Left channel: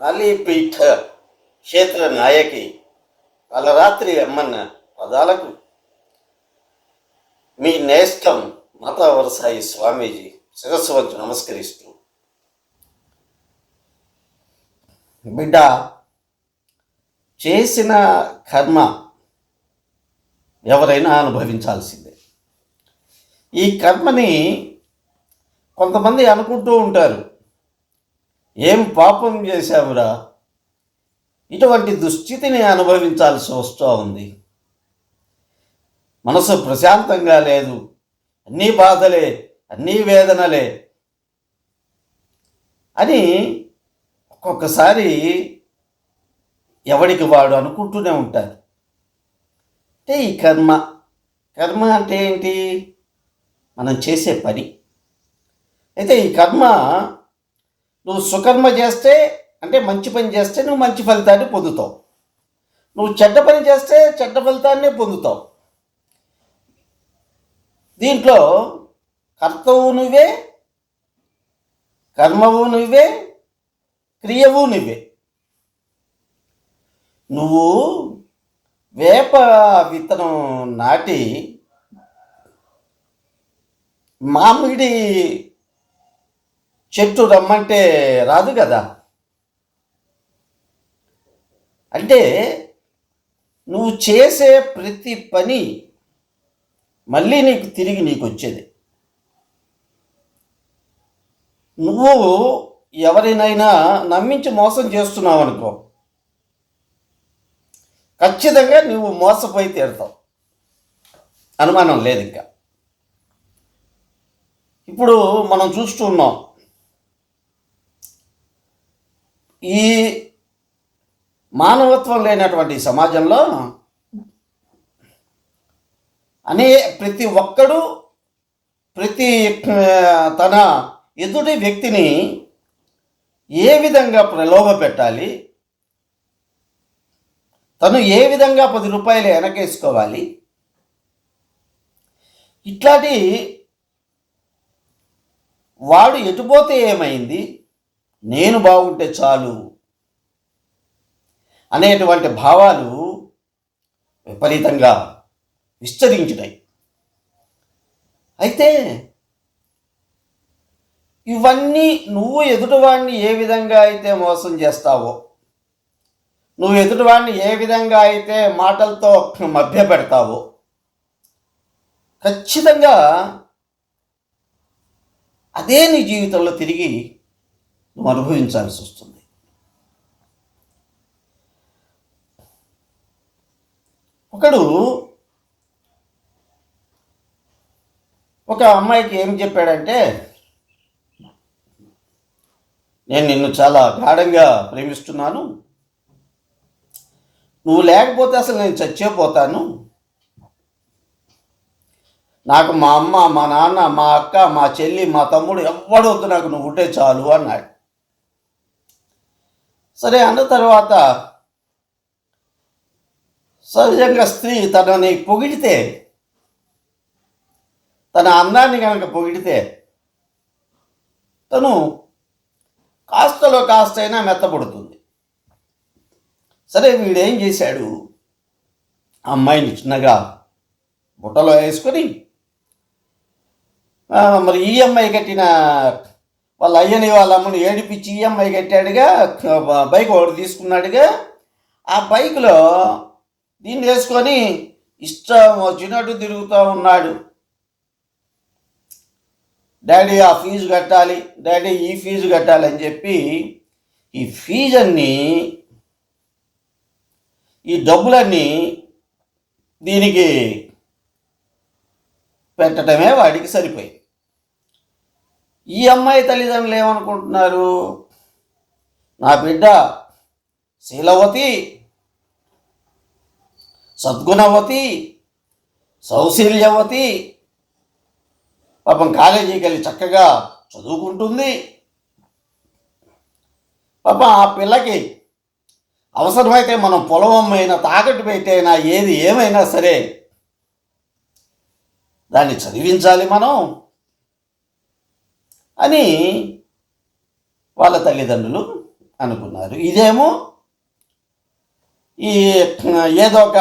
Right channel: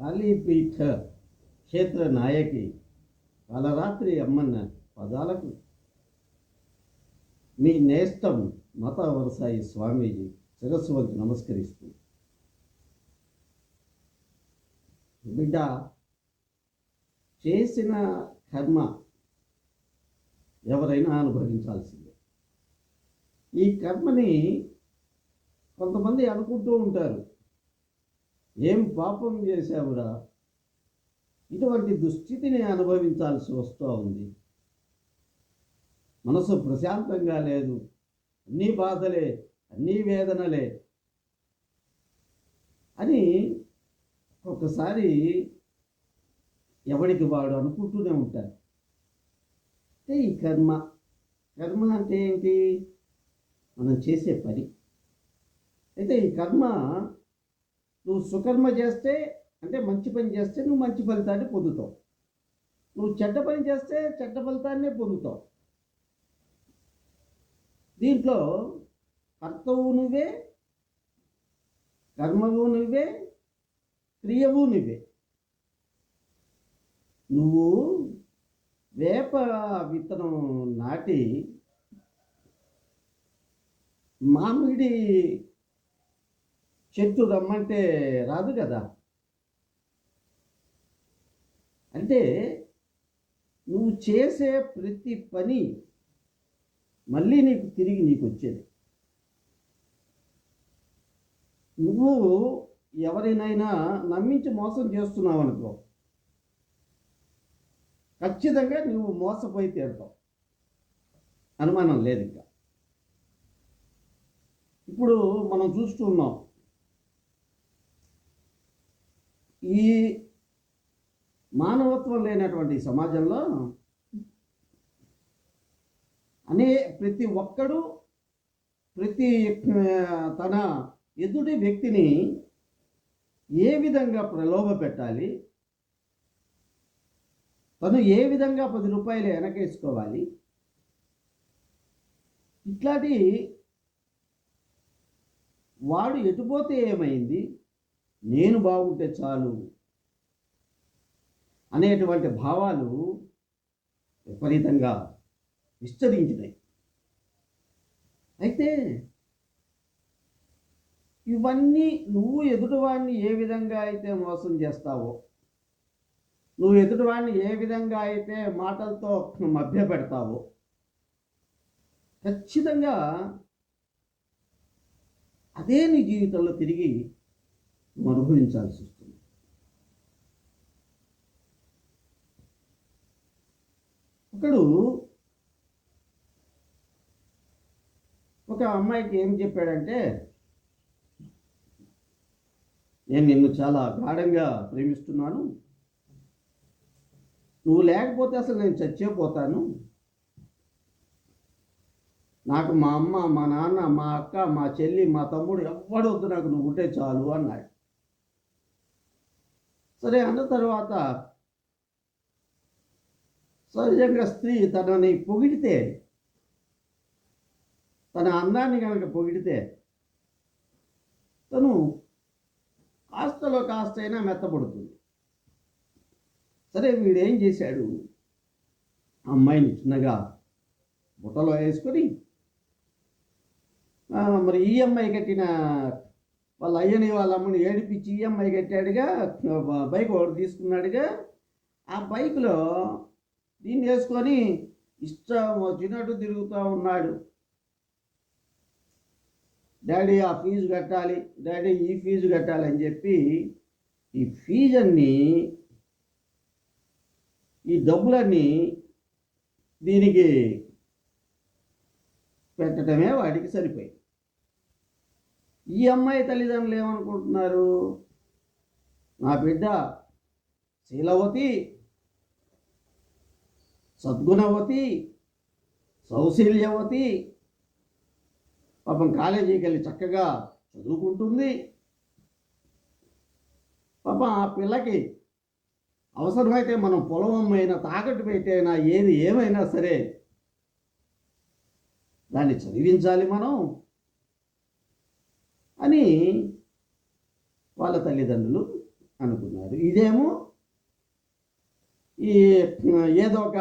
కాళీపీఠ క్షేత్ర నాయకి వాళ్ళ రాత్రి అమ్మన్న పదాలకు మీ నేష్టం మతావరసాయి స్వామీజీ శిరస్సు వంచి నమస్కరిస్తూ. బిడ్డ చేసిన కర్మ ఎవరైనా అనుభవించాల్సిందే. ఈ కర్మని కొంతమంది అనుకుంటూ ఉంటారు. ఏం పాపం చేశావురా? ఇటువంటి దుస్థితిని అనుభవించాల్సి వస్తూ ఉంది. మనసు ప్రశాంతంగా లేదు. అన్నీ బాధలే అన్నీ వేదనలే అని ఒక్కొక్కసారి ఎవడికి వాడు అనుకుంటూనే ఉంటారు అంటే ఈ కర్మ కర్మ అంటే ఏంటి? మనం చేసే పని. అయితే ఈ కర్మ నువ్వు సుకర్మ చేస్తే అంటే మంచి పని చేస్తే నువ్వు మంచి ఫలితాన్ని పొందుతావు. నువ్వు చెడ్డ పని చేస్తే చెడ్డ ఫలితాన్నే పొందుతావు. దీంట్లో కర్తవు నువ్వే కర్మవు నువ్వే క్రియవు నువ్వే. నువ్వు వేప విత్తనం నాటి మామిడి చెట్టు రమ్మంటే రాదు కదా. అంటే నువ్వు చేసే ప్రతి పని మళ్ళీ నీకు తిరిగి నీకు వచ్చేది. నువ్వు ఎవరినైనా నమ్మించి మోసం చేస్తున్నావు అనుకో. ఖచ్చితంగా నువ్వు మోసపోయి తీరుతావు. అనుమానం లేదు ఇంకా. ఇప్పుడు మనం చూస్తున్నాం ఈ మానవత్వం లేనటువంటి సమాజంలో అనే ప్రతి ఒక్కడు ప్రతి తన ఎదుటి వ్యక్తిని ఏ విధంగా ప్రలోభ పెట్టాలి తను ఏ విధంగా పది రూపాయలు వెనకేసుకోవాలి ఇట్లాంటి వాడు ఎటుపోతే ఏమైంది నేను బాగుంటే చాలు అనేటువంటి భావాలు విపరీతంగా విస్తరించినాయి. అయితే ఇవన్నీ నువ్వు ఎదుటివాడిని ఏ విధంగా అయితే మోసం చేస్తావో నువ్వు ఎదుటివాడిని ఏ విధంగా అయితే మాటలతో మభ్య పెడతావో ఖచ్చితంగా అదే నీ జీవితంలో తిరిగి నువ్వు అనుభవించాల్సి వస్తుంది ఒకడు ఒక అమ్మాయికి ఏం చెప్పాడంటే నేను నిన్ను చాలా గాఢంగా ప్రేమిస్తున్నాను. నువ్వు లేకపోతే అసలు నేను చచ్చేపోతాను. నాకు మా అమ్మ మా నాన్న మా అక్క మా చెల్లి మా తమ్ముడు ఎవ్వడొద్దు నాకు నువ్వు ఉంటే చాలు అన్నాడు. సరే అన్న తర్వాత సహజంగా స్త్రీ తనని పొగిడితే తన అందాన్ని కనుక పొగిడితే తను కాస్తలో కాస్తైనా మెత్తపడుతుంది సరే వీడేం చేశాడు? అమ్మాయిని చిన్నగా బుట్టలో వేసుకొని మరి మరి ఈఎంఐ కట్టిన వాళ్ళ అయ్యని వాళ్ళ అమ్మని ఏడిపించి ఈఎంఐ కట్టాడుగా బైక్ ఒకటి తీసుకున్నాడుగా. ఆ బైక్లో దీన్ని వేసుకొని ఇష్టం వచ్చినట్టు తిరుగుతూ ఉన్నాడు. డాడీ ఆ ఫీజు కట్టాలి డాడీ ఈ ఫీజు కట్టాలి అని చెప్పి ఈ ఫీజు అన్నీ ఈ డబ్బులన్నీ దీనికి పెట్టడమే వాడికి సరిపోయింది. ఈ అమ్మాయి తల్లిదండ్రులు ఏమనుకుంటున్నారు? నా బిడ్డ శీలవతి సద్గుణవతి సౌశీల్యవతి పాపం కాలేజీకి వెళ్ళి చక్కగా చదువుకుంటుంది. పాపం ఆ పిల్లకి అవసరమైతే మనం పొలమమ్మైనా తాకట్టు పెట్టైనా ఏది ఏమైనా సరే దాన్ని చదివించాలి మనం. అని వాళ్ళ తల్లిదండ్రులు అనుకున్నారు. ఇదేమో ఈ ఏదో ఒక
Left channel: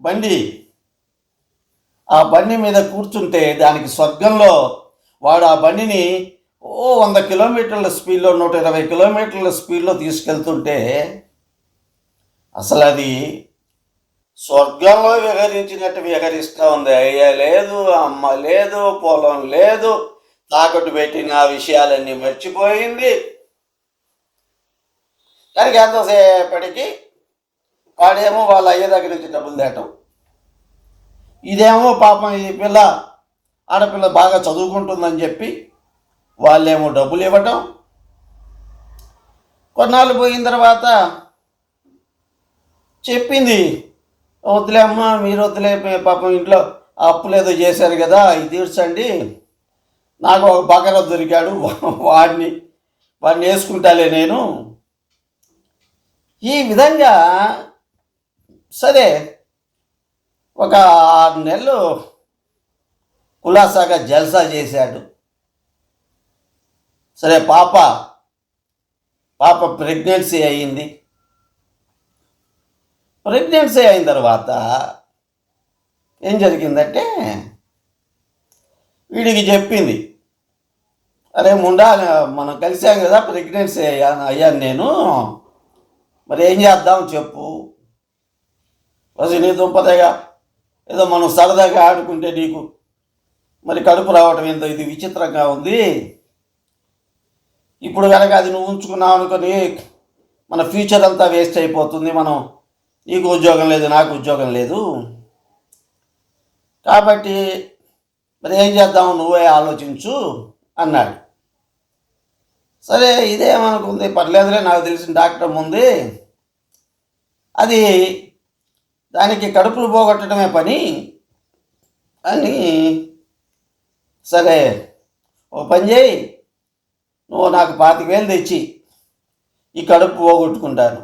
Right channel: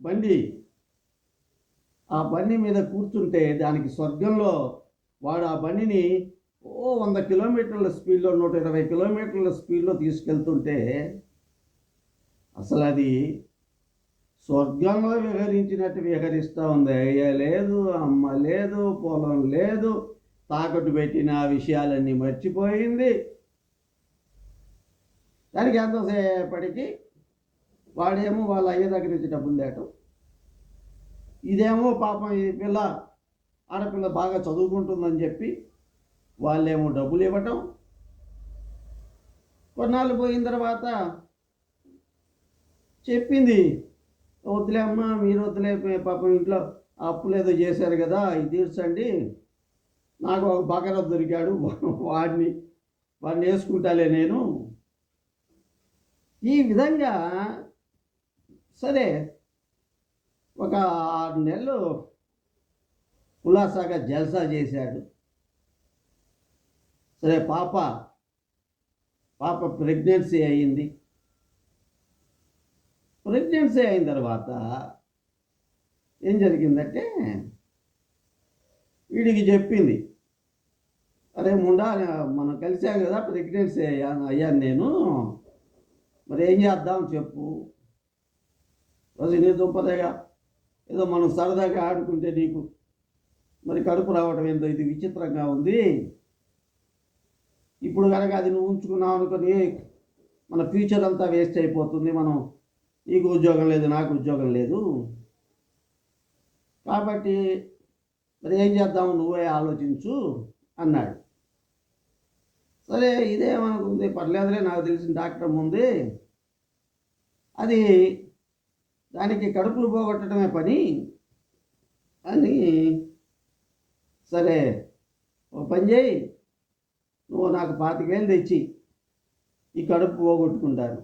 బండి ఆ బండి మీద కూర్చుంటే దానికి స్వర్గంలో వాడు ఆ బండిని ఓ వంద కిలోమీటర్ల స్పీడ్లో నూట ఇరవై కిలోమీటర్ల స్పీడ్లో తీసుకెళ్తుంటే అసలు అది స్వర్గంలో విహరించినట్టు విహరిస్తూ ఉంది. అయ్యా లేదు అమ్మ లేదు పొలం లేదు తాకట్టు పెట్టిన ఆ విషయాలన్నీ మర్చిపోయింది. దానికి ఎంతసేపటికి వాడేమో వాళ్ళ అయ్య దగ్గర నుంచి డబ్బులు తేటం. ఇదేమో పాపం ఈ పిల్ల ఆడపిల్ల బాగా చదువుకుంటుందని చెప్పి వాళ్ళేమో డబ్బులు ఇవ్వటం. కొన్నాళ్ళు పోయిన తర్వాత చెప్పింది వద్దులే అమ్మ మీరు వద్దులే పాపం ఇంట్లో అప్పులేదో చేశారు కదా ఇది తీర్చండి. నాకు ఒక బకర దొరికాడు. వాడిని వాడిని వేసుకుంటాలే నేను. ఈ విధంగా సరే ఒక ఆరు నెలలు కులాసాగా జల్సా చేశాడు. సరే పాప పాప ప్రెగ్నెన్సీ అయ్యింది ప్రెగ్నెన్సీ అయిన తర్వాత ఏం జరిగిందంటే వీడికి చెప్పింది. అరే ముండా మనం కలిసాం కదా ప్రెగ్నెన్సీ అయ్యాను అయ్యాను నేను. మరి ఏం చేద్దాం చెప్పు. అది నీ దుంపదేగా ఏదో మనం సరదాగా ఆడుకుంటే నీకు మరి కడుపు రావటం ఏందో ఇది విచిత్రంగా ఉంది. ఇప్పుడు కనుక అది నువ్వు ఉంచుకున్నావు అనుకుని మన ఫ్యూచర్ అంతా వేస్ట్ అయిపోతుంది మనం నీకు ఉద్యోగం లేదు నాకు ఉద్యోగం లేదు. కాబట్టి మరి ఏం చేద్దాం? నువ్వే ఆలోచించు అన్నాడు. సరే ఇదేమనుకుంది? పర్లేదులే నాకు తెలిసిన డాక్టర్ ఉంది అది దానికి కడుపులు పోగొట్టడమే పని అని సరే ఓ పని చేయి. నువ్వు నాకు పాతిక వేలు తెచ్చి ఈ కడుపు పోగొట్టుకుంటాను.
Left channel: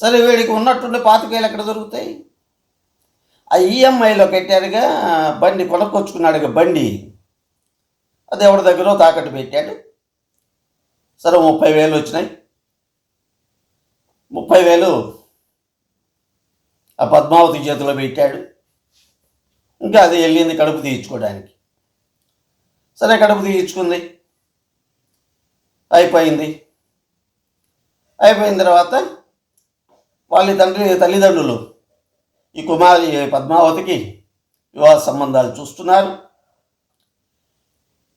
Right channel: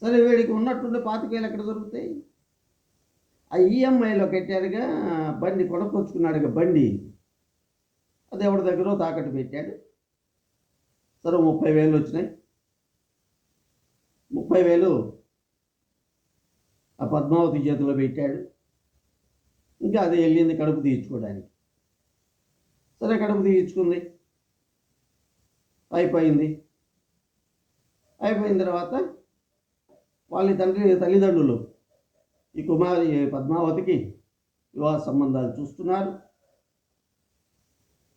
సరే వీడికి ఉన్నట్టుండి పాతిక వేలు ఎక్కడ దొరుకుతాయి? ఆ ఈఎంఐలో పెట్టాడుగా బండి కొనుక్కొచ్చుకున్నాడుగా బండి. అది ఎవరి దగ్గర తాకట్టు పెట్టాడు. సరే ముప్పై వేలు వచ్చినాయి. ముప్పై వేలు ఆ పద్మావతి చేతిలో పెట్టాడు. ఇంకా అది వెళ్ళింది కడుపు తీయించుకోవడానికి సరే కడుపు తీయించుకుంది అయిపోయింది. అయిపోయిన తర్వాత వాళ్ళ తండ్రి తల్లిదండ్రులు ఈ కుమారి పద్మావతికి వివాహ సంబంధాలు చూస్తున్నారు.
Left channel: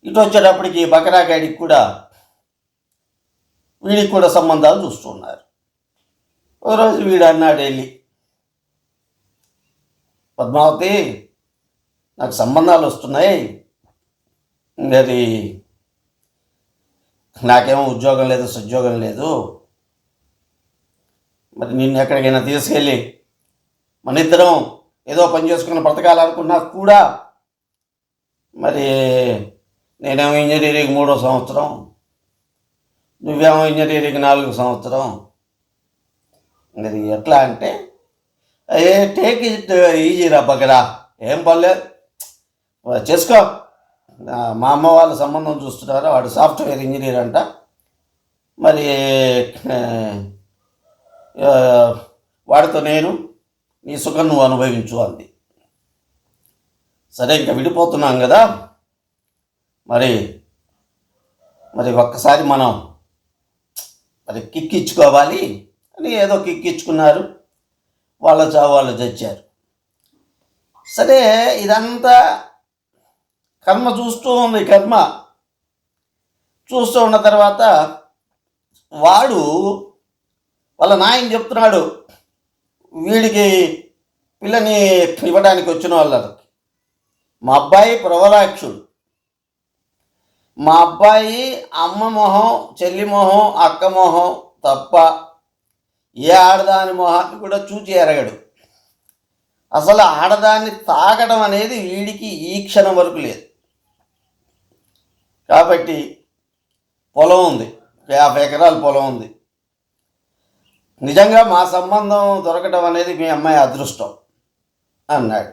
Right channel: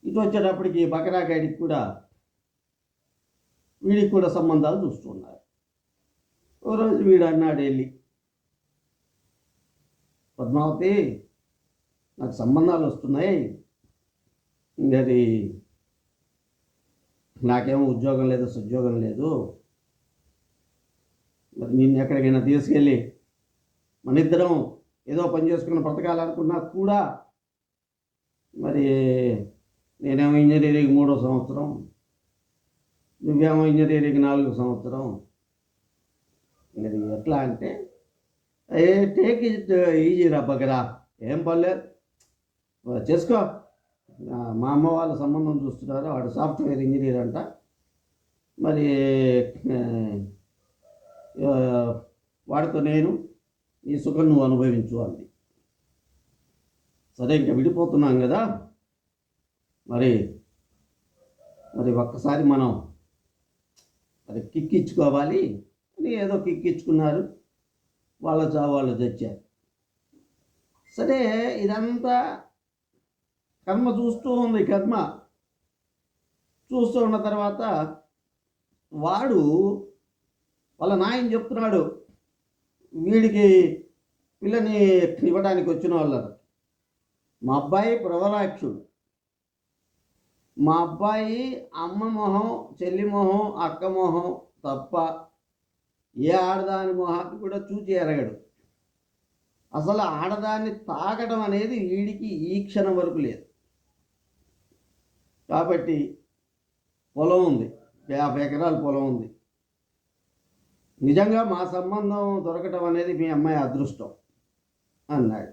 ఇటు వచ్చేటప్పటికి బకరాగాడికి కూడా వీడికి కూడా సంబంధాలు చూస్తున్నారు. ఒకరోజు రోజు వీడు అన్నాడు వెళ్ళి పద్మావతి నాకు సంబంధాలు వస్తున్నాయి. అది నాకేమో ఉద్యోగం లేదు సుద్యోగం లేదు. మరి నిన్ను ఎక్కడికైనా తీసుకెళ్ళి మన ఇద్దరం ఏదో పని చేసుకుని బ్రతకాలనుకున్నా కూడా మరి నేనేమో ఇంజనీరింగ్ మూడో సంవత్సరం నువ్వేమో ఇంజనీరింగ్ నాలుగో సంవత్సరం. మరి ఎట్లా అంటే ఏ టేక్ ఇట్ ఈజీ రా బగరా ఏం పర్లేదు. చేసుకో. మా అమ్మ వాళ్ళ సంబంధం చూస్తున్నారు? వాడు సాఫ్ట్వేర్ ఇంజనీర్ అంట. మరి వాడితో నేను నీ సుఖం నువ్వు అనుభవించు అంది. సరే ఇంకా విడిపోతున్నాం కదా. మరి మరి ఒక్కసారి మనం మరి కిక్కిచ్చుకోవాలి అని ఏదో కిక్ ఇచ్చుకున్నారు వాళ్ళ చావు వాళ్ళు తెచ్చారు సరే ఇదంతా కర్మ చూస్తూ ఉంది కర్మ. చూస్తూ ఉన్న తర్వాత వాడు వాళ్ళ నాయన చెప్తున్నాడు వీడికి పిల్లని ఇవ్వడానికి వచ్చిన వాళ్ళకి మా అబ్బాయి ప్రవలాక్షుడు. మా అబ్బాయి అమ్మ మొహం చెల్లి మొహం అక్క మొహం తప్ప ఏ ఆడదాని మొహాన్ని కూడా చూచి ఎరగడు. అసలు ఆడదాన్ని తాకడం అనేది వీడికి ఈ క్షణం వరకు లేదు. కాబట్టి పొలం ఉంది. యాభై ఎకరాల పొలం ఉంది. నిజంగా మా సంబంధం దొరకడం అనేది మీ అమ్మాయి అదృష్టం అన్నాడు.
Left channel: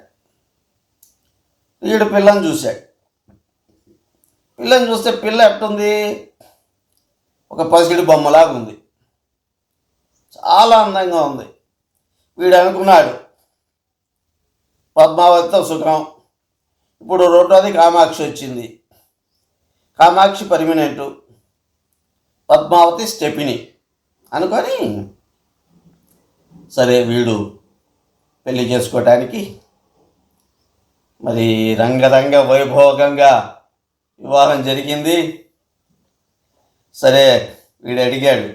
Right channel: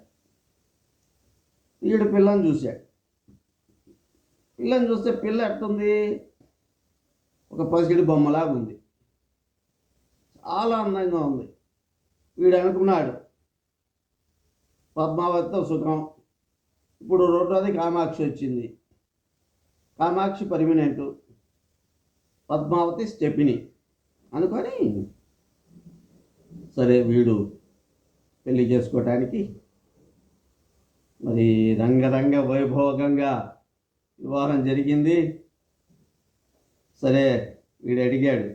వీడు పిల్లని చూశాడు. పిల్లని చూస్తే పిల్ల ఎట్టుంది? ఒక పసిడి బొమ్మలాగా ఉంది. చాలా అందంగా ఉంది. వీడు అనుకున్నాడు పద్మావతితో సుఖం. ఇప్పుడు రెండోది కామాక్షి వచ్చింది. కామాక్షి పర్మినెంటు. పద్మావతి స్టెపిని అనుకొని సరే వీడు పెళ్ళి చేసుకోవటానికి మరి రంగరంగ వైభోగంగా వివాహం జరిగింది. సరే వీడు అడిగాడు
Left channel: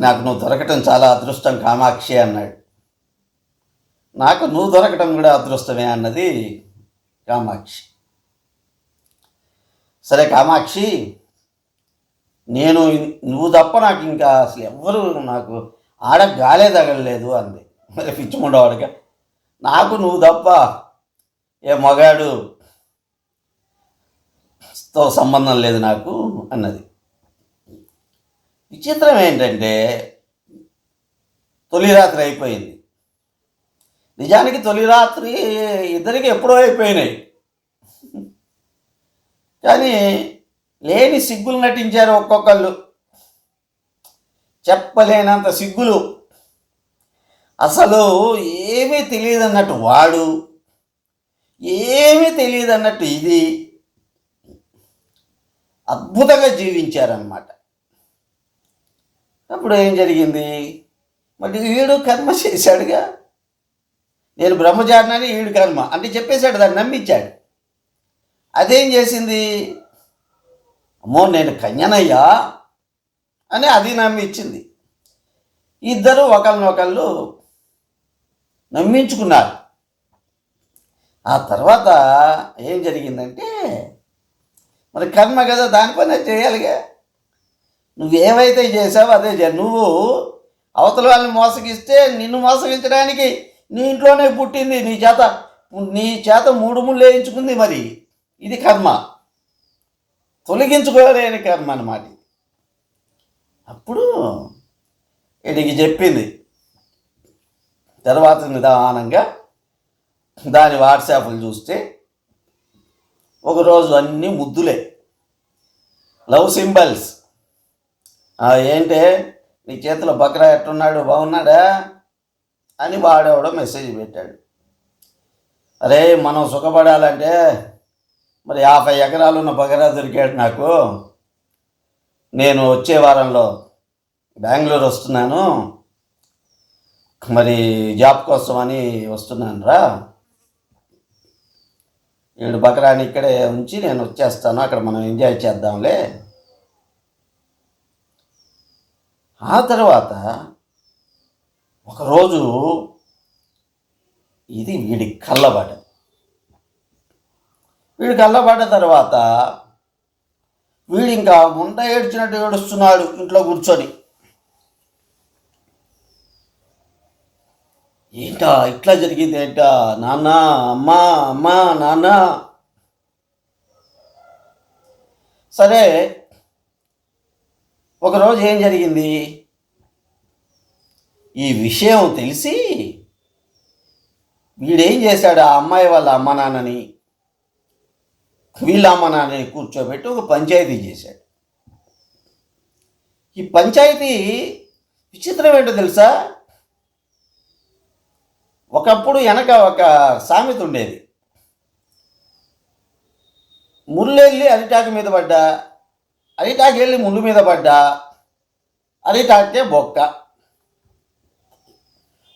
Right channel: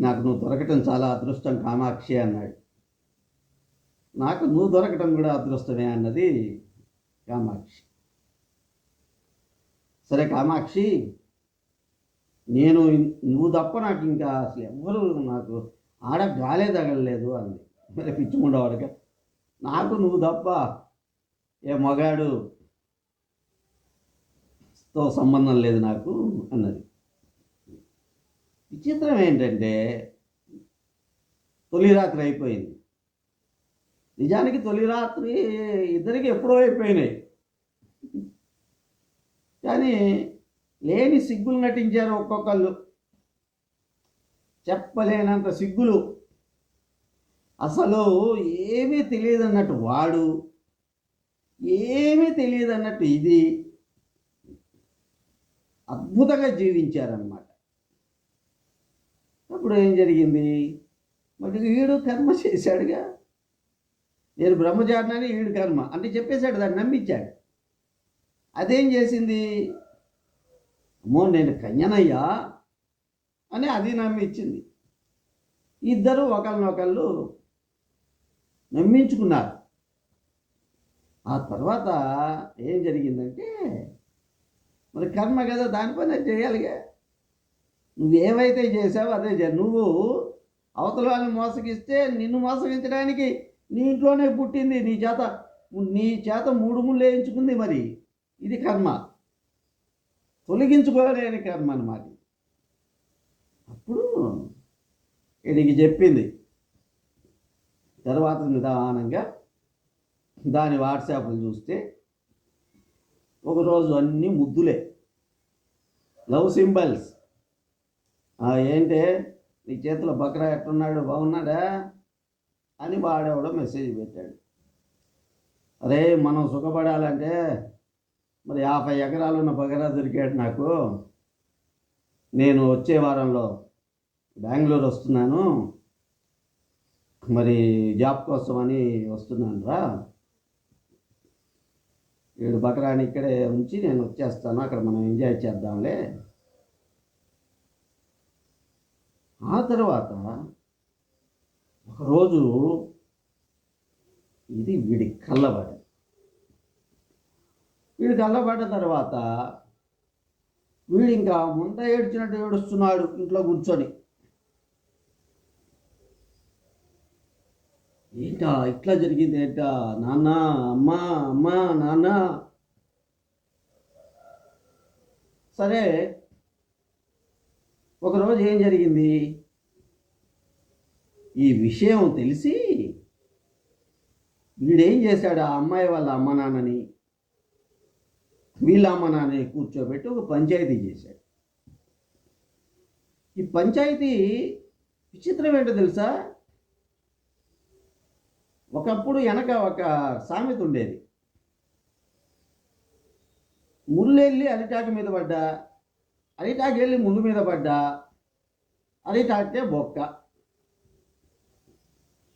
నాకు నువ్వు దొరకటం చాలా అదృష్టం కామాక్షి అన్నాడు. నాకు నువ్వు దొరకటం కూడా అదృష్టమే అన్నది కామాక్షి. సరే కామాక్షి నేను నువ్వు తప్ప నాకు ఇంకా అసలు ఎవ్వరు నాకు ఆడ గాలే తగలలేదు అంది. మరి పిచ్చిముండవాడిక నాకు నువ్వు తప్ప ఏ మగాడు తో సంబంధం లేదు నాకు అన్నది. విచిత్రం ఏంటంటే తొలి రాత్రి అయిపోయింది. నిజానికి తొలి రాత్రి ఇద్దరికి ఎప్పుడో అయిపోయినాయి. కానీ లేని సిగ్గులు నటించారు ఒక్కొక్కళ్ళు. చెప్పలేనంత సిగ్గులు. అసలు ఏమీ తెలియదు అన్నట్టు వాడు. ఏమీ తెలియదు అన్నట్టు ఇది. అద్భుతంగా జీవించారన్నమాట. అప్పుడు ఏం జరిగింది? మరి వీడు కర్మ చేశాడుగా. నేను బ్రహ్మచారినని వీడు కర్మ. అంటే చెప్పేశాడు దాన్ని నమ్మించాడు. అదేం చేసింది? అమ్మో నేను కన్యనయ్యా అని అది నమ్మించింది ఇద్దరు ఒకళ్ళు నమ్మించుకున్నారు. ఆ తర్వాత ఏం జరిగిందంటే మరి కర్మ కదా దాని పని చేయాలిగా. నువ్వేమైతే చేసావో అదే నువ్వు అవతల వాళ్ళని మోసగిస్తే నిన్ను మోసగించడానికి నీ ఇంట్లోనే పుట్టింది నీ చేత నీ చేత మూడు ముళ్ళు వేయించుకుంది మరి. ఇది కర్మ. తొలగించుకోలేని కర్మ అన్నమాట అప్పుడు వీడికి చెప్పింది. తర్వాత నిదానంగా దాని వాట్సాప్లు చూస్తే ఒకరోజు అన్నీ ముద్దులే. లవ్ సింబల్స్ ఏంటే? నీ చేతిలో బక్రా ఎట్టున్నాడు? బాగున్నాడా? అని వాడేవాడో మెసేజ్ పెట్టాడు. అరే మనం సుఖపడాలంటే మరి యాభై ఎకరాలు ఉన్న బకరా దొరికాడు నాకు. నేను వచ్చే వారంలో బెంగళూరు వస్తున్నాను. మరి జాబ్ కోసం అని వస్తున్నాను రా. ఏడు బకరాని ఇక్కడే ఉంచి నేను వచ్చేస్తాను. అక్కడ మనం ఎంజాయ్ చేద్దాంలే. ఆ తర్వాత ఒకరోజు ఇది వీడి కళ్ళబడి వీడు కళ్ళబడ్డ తర్వాత వీడు ఇంకా ముండ ఏడ్చినట్టు ఏడుస్తున్నాడు ఇంట్లో కూర్చొని. ఏంటా ఇట్లా జరిగింది ఏంటా? నాన్న అమ్మా అమ్మా నాన్న. సరే ఒకరోజు ఏం జరిగింది? ఈ విషయం తెలిసి వీడేం చేశాడు ఆ అమ్మాయి వాళ్ళ అమ్మ నాన్నని? వీళ్ళ కూర్చోబెట్టి ఒక పంచాయతీ చేశాడు. ఈ పంచాయతీ విచిత్రం ఏంటో తెలుసా? ఒకప్పుడు వెనక ఒక సామెత ఉండేది. ముళ్ళెళ్ళి అరిటాకు మీద పడ్డా అరిటాకు వెళ్ళి ముళ్ళు మీద పడ్డా అరిటాకే బొక్క.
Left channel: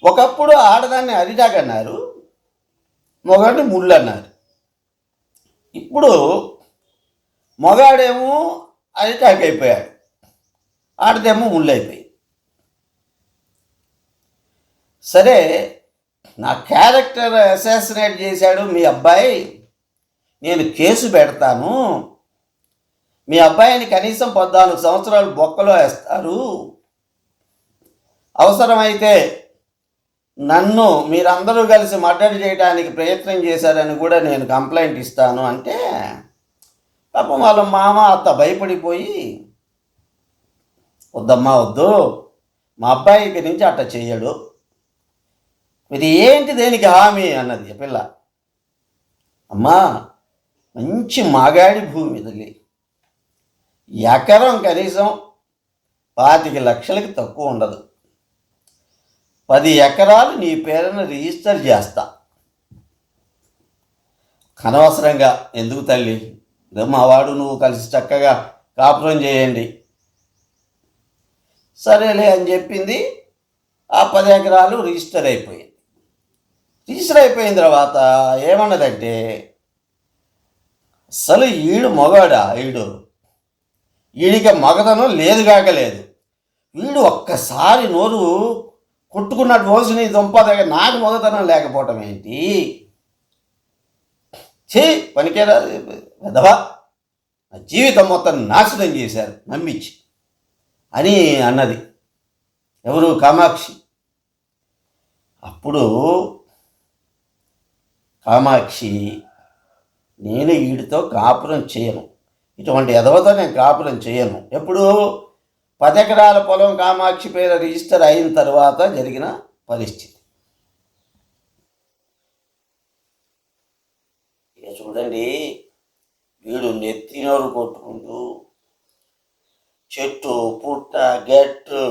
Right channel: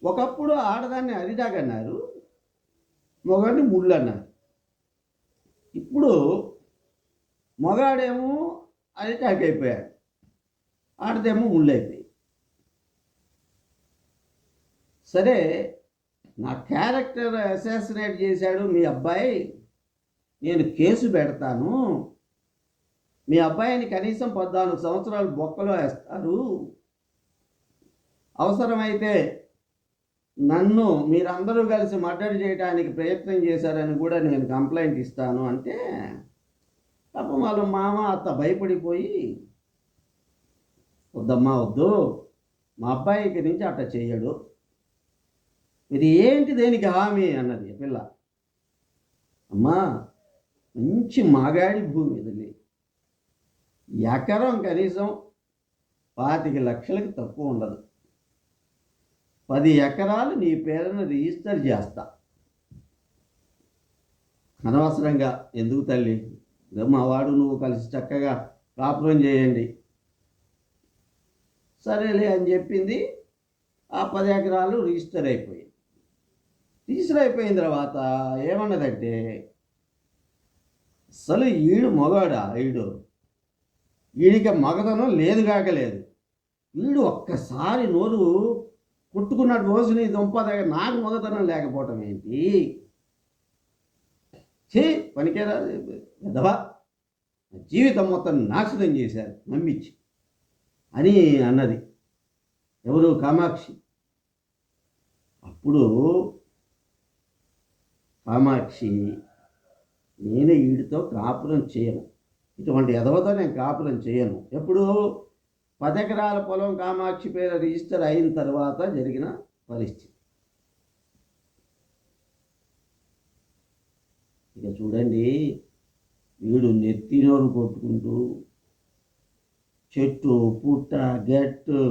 ఒకప్పుడు ఆడదాన్ని అరిటాకు అన్నారు మొగాడిని ముళ్ళు అన్నారు ఇప్పుడు మొగాడేమో అరిటాకు అయిపోయాడు. ఆడదేమో ముళ్ళు అయిపోయి. సరే నా క్యారెక్టర్ అసాసినేట్ చేశాడు మీ అబ్బాయి. నేను కేసు పెడతాను. మీ అబ్బాయిని కనీసం పద్నాలుగు సంవత్సరాలు బొక్కలో వేస్తారు. అవసరమైతే నన్ను మీరందరూ కలిసి మర్డర్ చేయడానికి ప్రయత్నం చేశారని కూడా నేను కంప్లైంట్ ఇస్తాను అంటే పాపం వాళ్ళ మామ అత్త భయపడిపోయి వద్దమ్మా వద్దు. మా అబ్బాయి ఇక్కడి నుంచి అట్ట చేయడు. ఇది ఏంటి దేనికి హామీ? అన్నది పిల్ల. అమ్మా మంచి మాగాడి భూమి ఇది ఎకరం కనీసం పాతిక లక్షలకి తక్కువ ఉండదు. పది ఎకరాలు నీ పేరున రిజిస్టర్ చేస్తా. అనవసరంగా. ఎందుకు తల్లి? మా వాడు నువ్వు కలిసి చక్కగా కాపురం చేయండి. సరేలే అని చెప్పింది. ఆ పది ఎకరాలు రిజిస్టర్ అయిపోయింది. రిజిస్టర్ అయిపోయిన తర్వాత ఏమన్నదంటే అసలు ఈడు మగాడా ఈడు ఈడికి మగతనం లేదు కాకలేదు వీడు ఒక్కసారి నోరు కొట్టుకున్న రోజుని దుంప దగ్గర. నాకు మొదతనం లేకపోవటం ఏంటి? చే పనికేరా వెదవా నా జీవితం మొత్తం నాశనం చేశారు. నమ్మించి. అని అన్నది. ఎవరు? కామాక్షి. అప్పుడు కామాక్షి నేను వీడితో కాపురం చేయను. ఇటువంటి ఎదవతో నేను కాపురం చేయను. ఎప్పుడు? పదెకరాల పొలం కామాక్షి పేరు రిజిస్టర్ అయిన తర్వాత జరిగిన పరిస్థితి. ఇక చూడండి వీడు నెత్తినోరు కొట్టుకుంటూ చెట్టు పుట్ట గెట్టు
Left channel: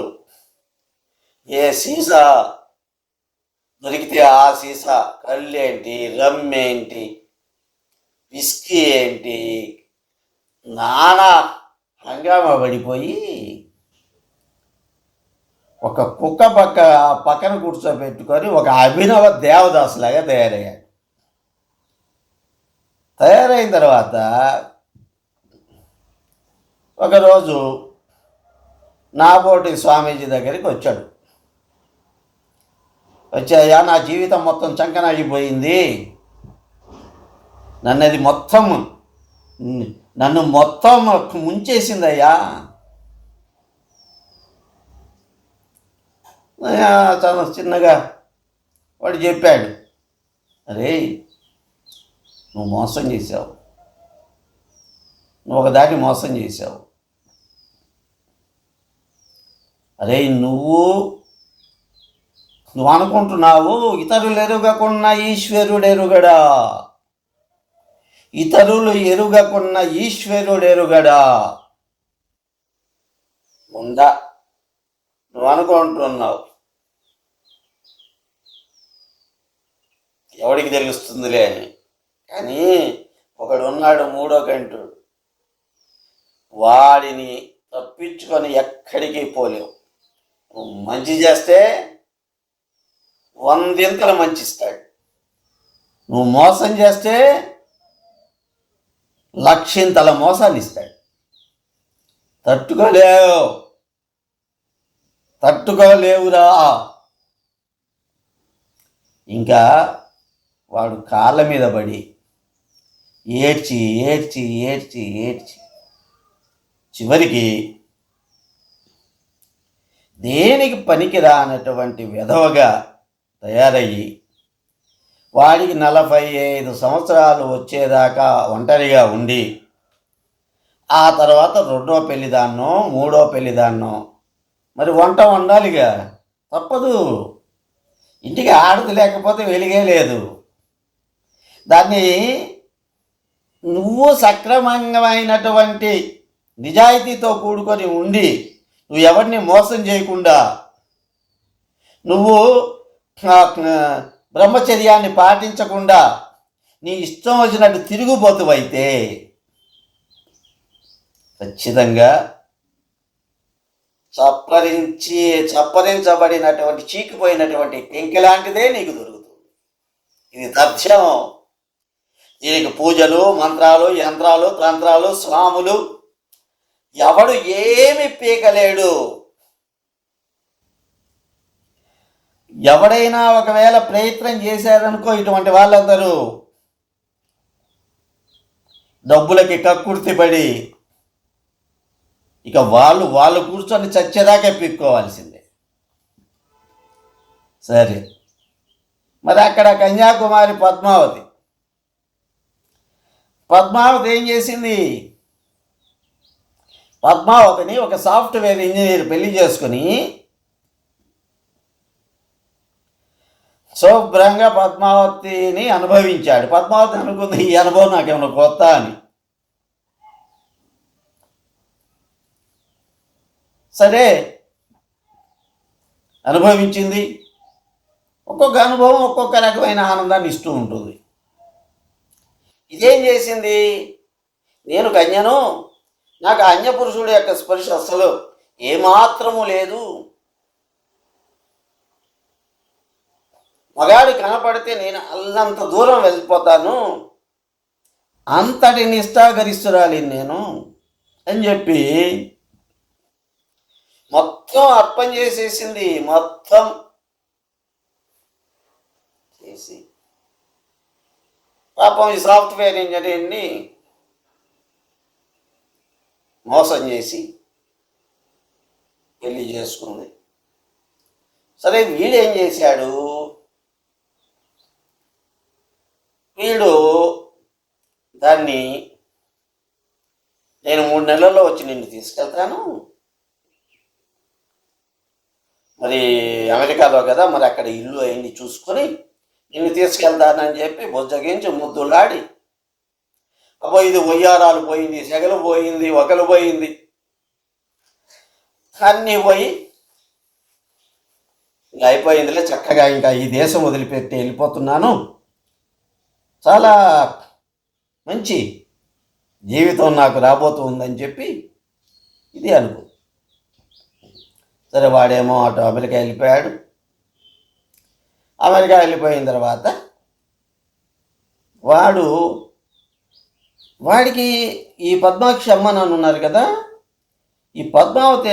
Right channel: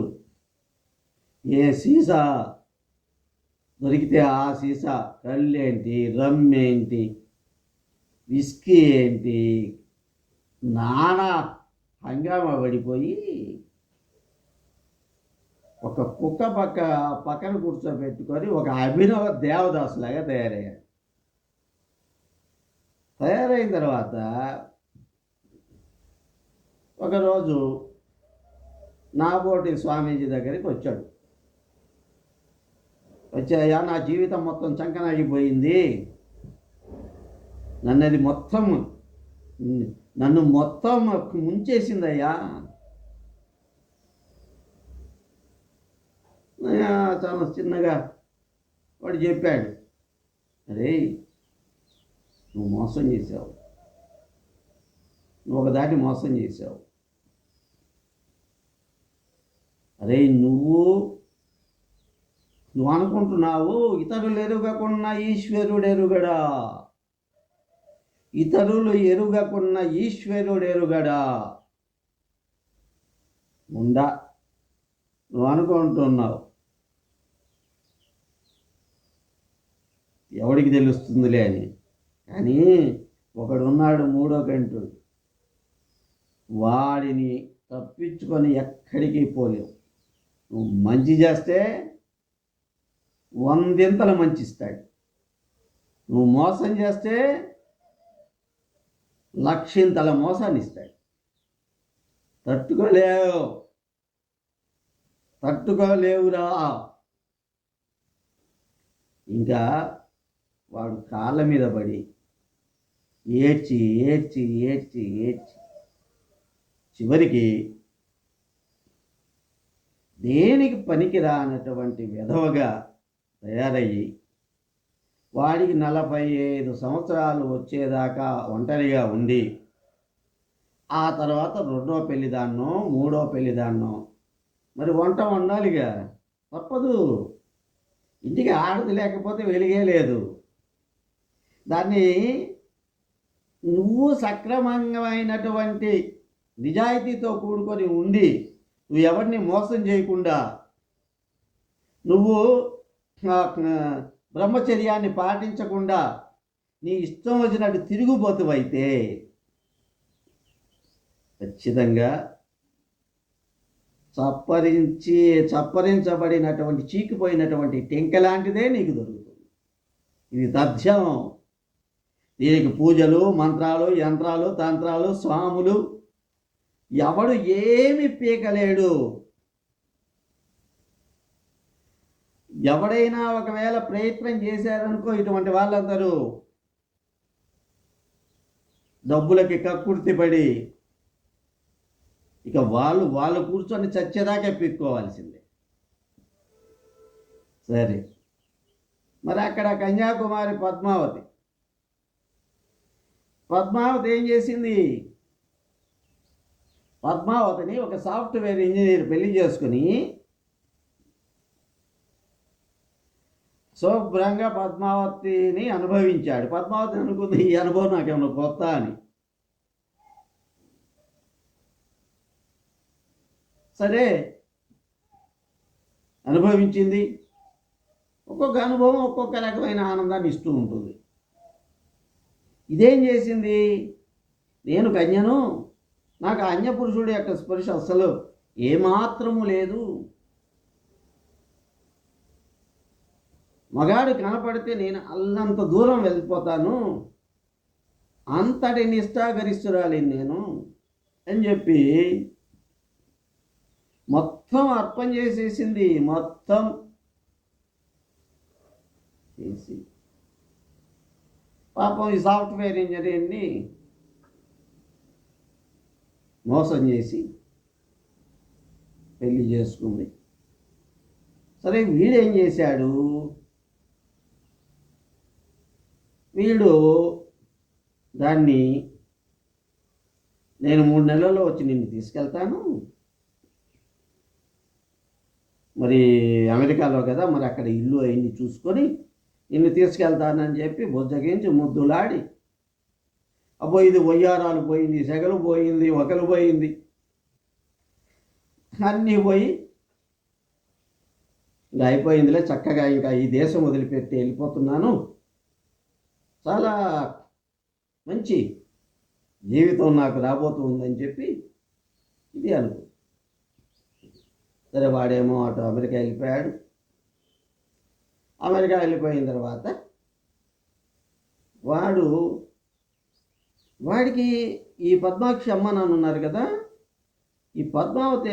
ఏ సీసా దొరికితే ఆ సీసా కళ్ళేంటి రమ్ ఏంటి విస్కీ ఏంటి నానా హంగామా పడిపోయి ఒక కుక్క పక్క పక్కన కూర్చోబెట్టుకొని ఒక అభినవ దేవదాసులాగా తయారయ్యాడు. తయారైన తర్వాత ఒకరోజు నాబోటి స్వామీజీ దగ్గరికి వచ్చాడు. వచ్చాయా నా జీవితం మొత్తం చంకనాగిపోయింది. నన్ను అది మొత్తం నన్ను మొత్తం ముంచేసిందయ్యా. చాలా చిన్నగా వాడు చెప్పాడు. అరే నువ్వు మోసం చేసావు నువ్వు ఒకదాన్ని మోసం చేసావు అరే నువ్వు నువ్వు అనుకుంటున్నావు ఇతరులు ఎరుగకున్న ఈశ్వరుడు ఎరుగడా? ఇతరులు ఎరుగకున్న ఈశ్వరుడు ఎరుగడా? ఉందా నువ్వు అనుకుంటున్నావు. ఎవడికి తెలుస్తుందిలే అని. కానీ ఒకడు ఉన్నాడు మూడో కంటుడు వాడిని తప్పించుకొని ఎక్కడికి పోలేవు. నువ్వు మంచి చేస్తే వందింతలు మంచిస్తాడు నువ్వు మోసం చేస్తే లక్షింతల మోసాన్ని ఇస్తాడు. తట్టుకోలేవు. తట్టుకోలేవురా. ఇంకా వాడు కాళ్ళ మీద పడి ఏడ్చి ఏడ్చి ఏడ్చి ఏడ్చి. చివరికి దేనికి పనికిరానటువంటి విధవగా తయారయ్యి వాడికి నలభై ఐదు సంవత్సరాలు వచ్చేదాకా ఒంటరిగా ఉండి ఆ తర్వాత రెండో పెళ్ళిదాన్నో మూడో పెళ్ళిదాన్నో మరి వంట వండాలిగా? తప్పదు. ఇంటికి ఆడది లేకపోతే వెలిగే లేదు. దాన్ని నువ్వు సక్రమంగమైనటువంటి నిజాయితీతో కూడుకొని ఉండి నువ్వు ఎవరిని మోసం చేయకుండా నువ్వు బ్రహ్మచర్యాన్ని పాటించకుండా నీ ఇష్టం వచ్చినట్టు తిరుగుబోతువైతే ఖచ్చితంగా చప్పరించి చప్పరించబడినటువంటి చీకిపోయినటువంటి టెంక లాంటిదే నీకు దొరుకుతుంది. ఇది తథ్యం. దీనికి పూజలు మంత్రాలు యంత్రాలు తంత్రాలు స్వాములు. ఎవడు ఏమి పీకలేడు. ఎవడైనా ఒకవేళ ప్రయత్నం చేశారనుకో ఇటువంటి వాళ్ళందరూ డబ్బులకి కక్కుర్తిపడి ఇక వాళ్ళు వాళ్ళు కూర్చొని చచ్చేదాకా పీక్కోవాల్సిందే. సరే. మరి అక్కడ కన్యాకుమారి పద్మావతి పద్మావతి ఏం చేసింది? పద్మావతిని ఒక సాఫ్ట్వేర్ ఇంజనీర్ పెళ్ళి చేసుకుని శుభ్రంగా పద్మావతిని అనుభవించాడు. పద్మావతి అనుకుంది ఈ అనుభవం నాకేమైనా కొత్త అని. సరే అనుభవించింది. ఒక్కొక్క అనుభవం ఒక్కొక్క రకమైన ఆనందాన్ని ఇస్తూ ఉంటుంది. ఇదేం చేసింది? నేను కన్యను నాకు అన్యపురుషుడు యొక్క స్పర్శ అసలు ఏమాత్రము లేదు. మగాడు కనపడితే నేను అల్లంత దూరం వెళ్ళిపోతాను. అంతటి నిష్ఠాగరిస్తురాలి నేను అని చెప్పి మొత్తం అర్పణ చేసేసింది. మొత్తం చేసి పాపం ఈ సాఫ్ట్వేర్ ఇంజనీర్ని మోసం చేసి పెళ్ళి చేసుకుంది. సరే వీడేం చేశాడు? వీడు దాన్ని నేను మూడు నెలల్లో వచ్చి నిన్ను తీసుకెళ్తాను. మరి అమెరికాలో కదా మరి అక్కడ ఇల్లు అయింది చూసుకొని ఇవి తీసుకెళ్తానని చెప్పి బుజ్జగించి ముద్దులాడి అబ్బో ఇది ఒయ్యారాలు పోయింది సెగలు పోయింది ఒకలు పోయింది. అన్నీ పోయి ఇంకా అయిపోయిందిలే చక్కగా ఇంకా ఈ దేశం వదిలిపెట్టి వెళ్ళిపోతున్నాను. చాలా మంచి జీవితం నాకు రాబోతుందని చెప్పి ఇది అనుకో సరే వాడేమో అటు అమెరికా వెళ్ళిపోయాడు. అమెరికా వెళ్ళిపోయిన తర్వాత వాడు వాడికి ఈ పద్మాక్షి అమ్మ నాన్న ఉన్నారు కదా ఈ పద్మావతి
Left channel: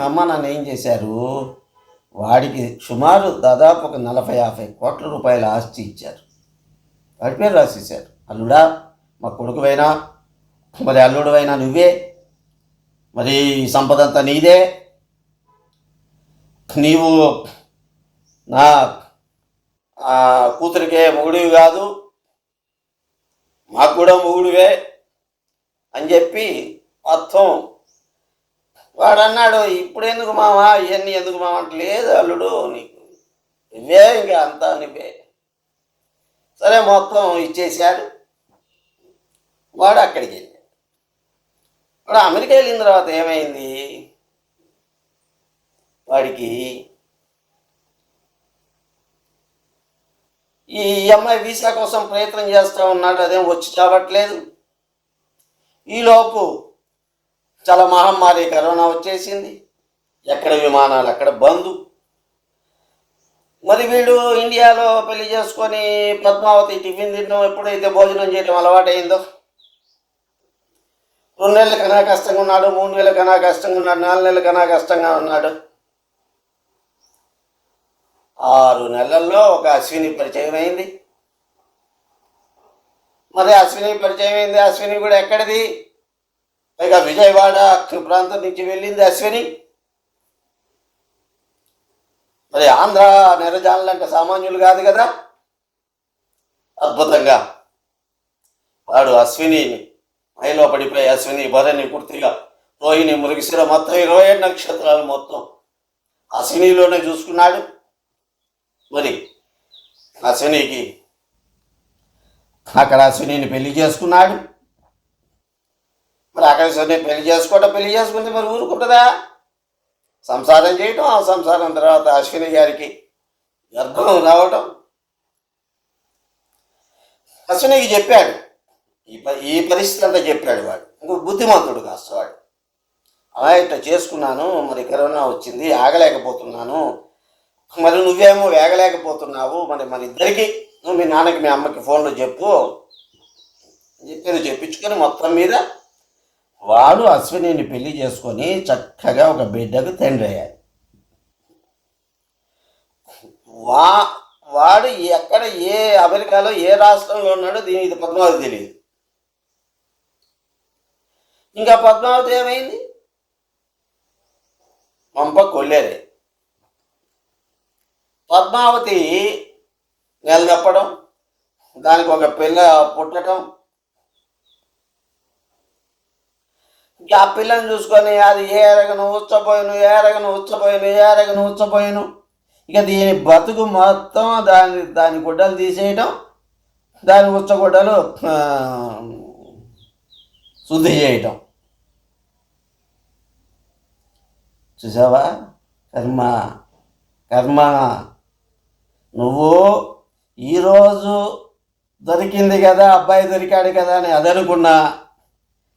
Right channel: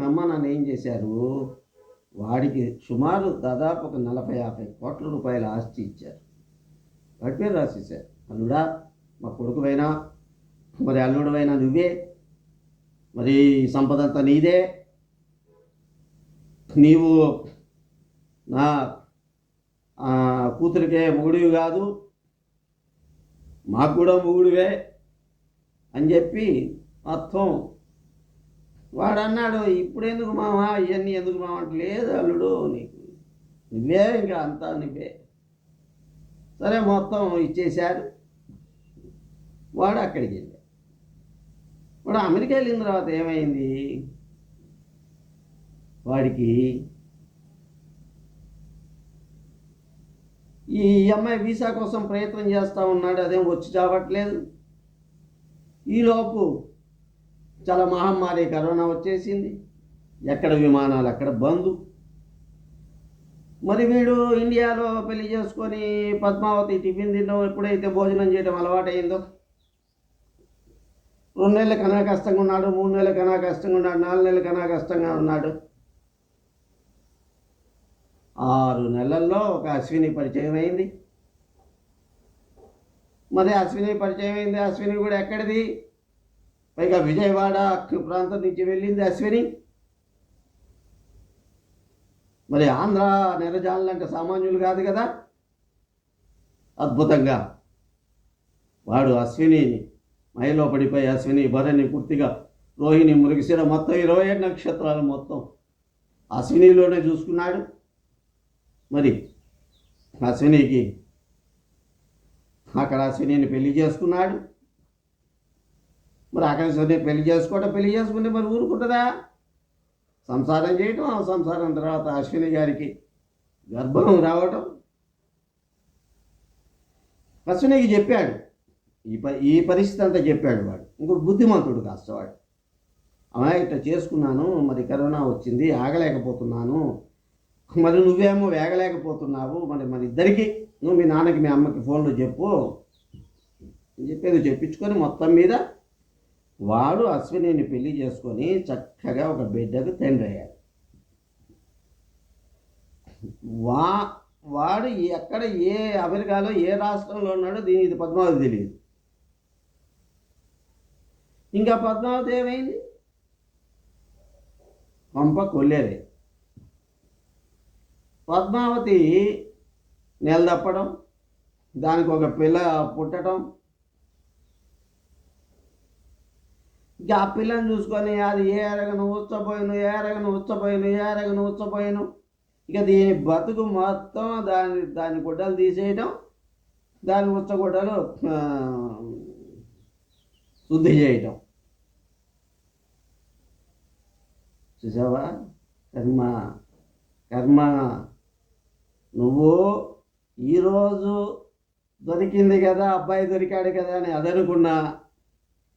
అమ్మ నాన్న ఏం చేశారు? వాడికి సుమారు దాదాపు ఒక నలభై యాభై కోట్ల రూపాయల ఆస్తి ఇచ్చారు. వాడి పేరు రాసేశారు. అల్లుడా మా కొడుకువైనా మరి అల్లుడువైనా నువ్వే. మరి సంపదంతా సంపద అంతా నీదే. నీవు నా కూతురికే మొగుడివి కాదు మాకు కూడా మొగుడివే అని చెప్పి మొత్తం వాడు అన్నాడు ఇప్పుడు ఎందుకు మావా? ఇవన్నీ ఎందుకు మావా అంటే లేదు అల్లుడు నీకు నువ్వే ఇంకా అంతా నువ్వే. సరే మొత్తం ఇచ్చేశాడు. వాడు అక్కడికి వెళ్ళాడు. వాడు అమెరికా వెళ్ళిన తర్వాత ఏమైంది? వాడికి ఈ అమ్మాయి వీసా కోసం ప్రయత్నం చేస్తూ ఉన్నాడు అదేం వచ్చి చావట్లేదు. ఈలోపు చాలా మహమ్మారి కరోనా వచ్చేసింది. ఎక్కడ విమానాలు అక్కడ బంద్. మరి వీడు ఇండియాలో పెళ్ళి చేసుకొని పద్మావతి టిఫిన్ తినడం ఎప్పుడైతే భోజనం చేయడం అలవాటైందో? రెండు నెలల కన్నా కష్టంగా ఉన్నాడు మూడు నెలల కన్నా కష్టంగా ఉన్నాడు నాలుగు నెలల కన్నా కష్టంగా ఉన్నాడు. ఆరు నెలల్లో ఒక అశ్విని పరిచయం అయింది. మరి అశ్విని పరిచయం అయింది. అశ్విని కూడా ఎక్కడిది? పైగా విజయవాడ ప్రాంతం నుంచి వెళ్ళింది అశ్విని. మరి ఆంధ్ర నెరజానులు అంటే సామాన్యులు కాదు కదా? అద్భుతంగా. వాడు అశ్విని మహిళలో పడిపోయి అశ్విని భరణి పూర్తిగా రోహిణి మురిగిసిర మొత్తం ఇరవై ఏడు నక్షత్రాలు మొత్తం అశ్వినిలోనే చూసుకున్నాడు. మరి అశ్వినికి అక్కడ అశ్వినిని పెళ్ళి చేసుకున్నాడు. మరి అక్కడ అశ్విని పెళ్ళి చేసుకోవటం పెళ్ళి చేసుకుంటే మరి ఊరుకుంటుందా? సంసారం చేయటం ఆ సంసారం తర్వాత అశ్విని గారికి గర్భం రావటం. అశ్వినికి చెప్పాడు. ఈ ప ఈ పరిస్థితి అంతా చెప్పాడు వాడు. ఇంకో బుద్ధిమంతుడు కాస్త వాడు. అలా ఇట్లా చేసుకున్నాను మరి కరోనా వచ్చింది ఆగలేకపోతున్నాను. మరి నువ్వేమో వేగలేకపోతున్నావు. మరి మన ఇద్దరికి నువ్వు మీ నాన్నకి మీ అమ్మకి ఫోన్లో చెప్పు. అని చెప్పి చెప్పించుకొని మొత్తం మీద వాడు అశ్వినిని పెళ్ళి చేసుకొని చక్కగా ఒక బిడ్డకు తండ్రి అయ్యాడు. వా వాడు ఎక్కడ ఏ అమెరికాలో ఏ రాష్ట్రంలో ఉన్నాడో దీనికి ఇది పద్మావతి తెలియదు. ఇంకా పద్మావతి ఏమైంది? పంప కొల్లేరే పద్మావతి నెల తప్పడం దానికి ఒక పిల్ల పుట్టడం. ఇంకా ఆ పిల్లని చూసుకొని అది ఏ రగను ఉచ్చపోయిను ఏ రగను ఉచ్చపోయిను ఏ రగను ఉచ్చపోయిను. ఇక దీని బతుకు మొత్తం దాని దాని గుడ్డలు తీసేయటం దాని ఉచ్చగుడ్డలు శుద్ధి చేయటం. చూసావా? కర్మ కర్మ నువ్వు ఈరోజు దొరికింది కదా అబ్బాయి దొరికాడు కదా అని అదనుకున్నా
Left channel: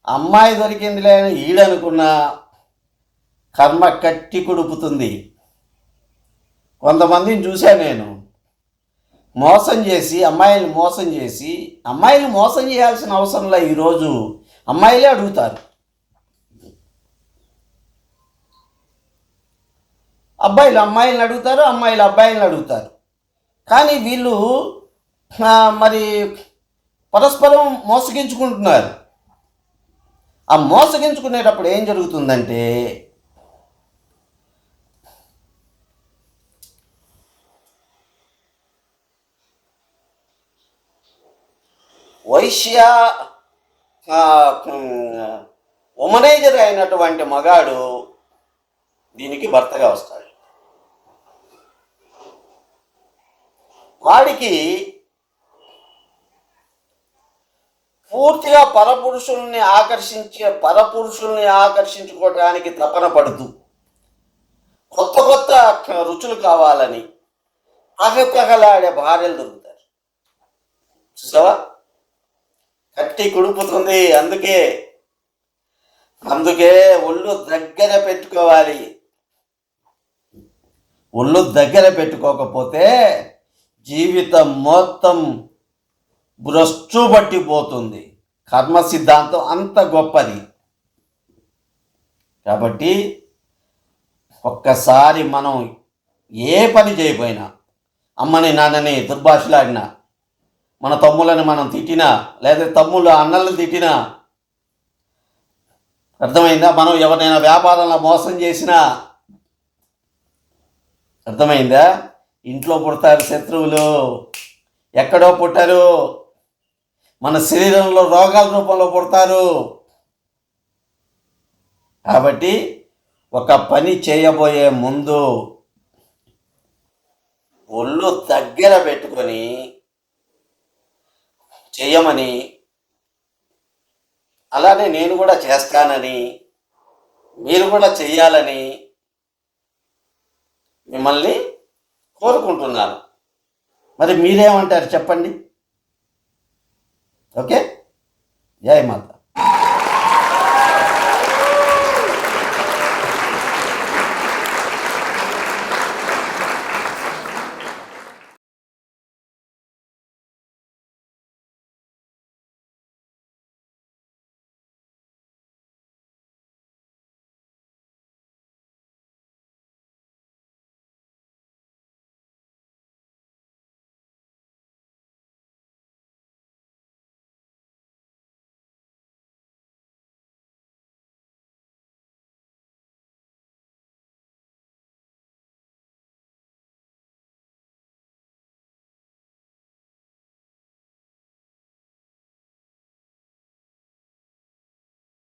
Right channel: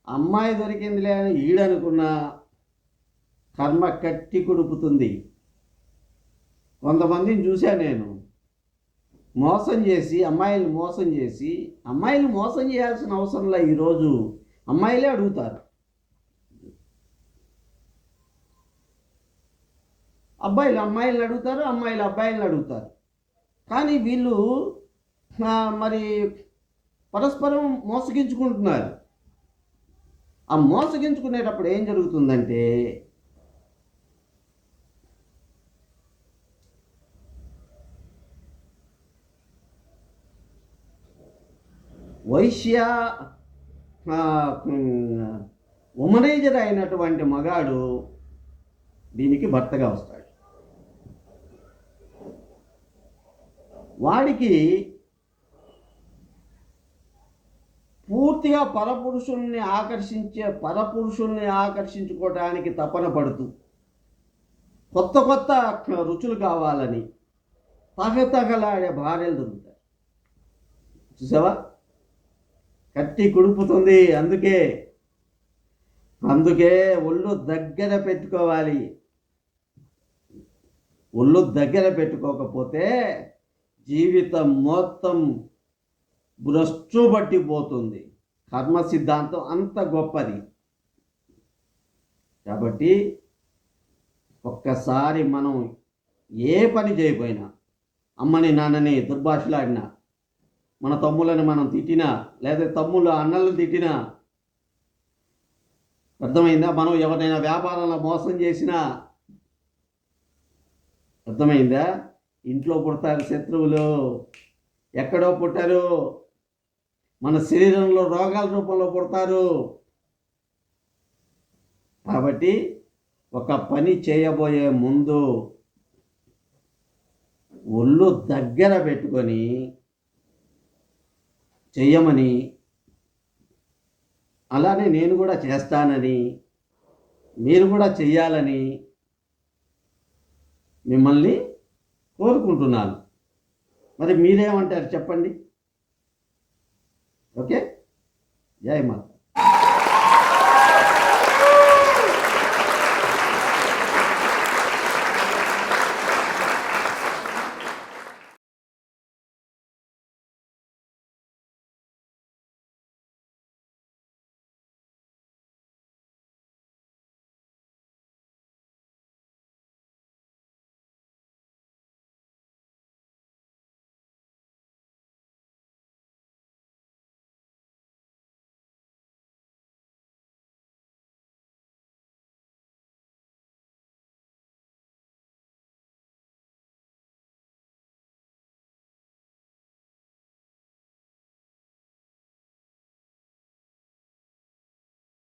అమ్మాయి దొరికిందిలే అని ఈడనుకున్నా కర్మ కట్టి కుడుపుతుంది. కొంతమందిని చూశాను నేను. మోసం చేసి అమ్మాయిలు మోసం చేసి అమ్మాయిలు మోసం చేయాల్సిన అవసరంలో ఈరోజు అమ్మాయిలే అడుగుతారు. అబ్బాయిలు అమ్మాయిలను అడుగుతారు అమ్మాయిలు అబ్బాయిలను అడుగుతారు. కానీ వీళ్ళు మరి పరస్పరం మోసగించుకుంటున్నారు. ఆ మోసగించుకునేటప్పుడు ఏం జరుగుతుందంటే వైశ్య ఆ, ఉమనైజర్ అయినటువంటి మగాడు దీనికి భర్తగా వస్తాడు. వాడికి పూర్తిగా పరపురుషుల్ని ఆకర్షించే పరపురుషుల్ని ఆకర్షించుకోవడానికి తపన పడుతూ కొత్త కొత్త రుచులు కావాలని తహతహలాడే భార్యలు దొరుకుతారు. చూసావా? కట్టి కుడుపుతుంది అందుకే అందుకే ఒళ్ళు దగ్గర పెట్టుకోవాలి. ఒళ్ళు దగ్గర పెట్టుకోకపోతే జీవితం మొత్తం భ్రష్టు పట్టిపోతుంది. కర్మ సిద్ధాంతం అంత గొప్పది. కాబట్టి ఒక్కసారి మనం ఏ పని చేయకపోయినా అమ్మని నాన్నని దుర్భాషలాడినా మన తమ్ములని మనం తిట్టినా లేదా తమ్ముళ్ళ అన్నలను తిట్టినా అర్థమైందా? మనం ఎవరినైనా వ్యాపారంలో మోసం చేసినా అర్థమైందా? ఇంట్లో పుడతారు శత్రువులు. ఎక్కడో పుట్టారు. మన శరీరంలో రోగాల రూపంలో పుడతారు. కాబట్టి ఒక పని చేయబోయే ముందు ఒళ్ళు దగ్గర పెట్టుకొని చేయమని అలానే నేను కూడా చేస్తానని మీరు కూడా చెయ్యాలని మిమ్మల్ని కోరుకుంటున్నాను. మరి మీరేమంటారు చెప్పండి? ఓకే? జై మాత.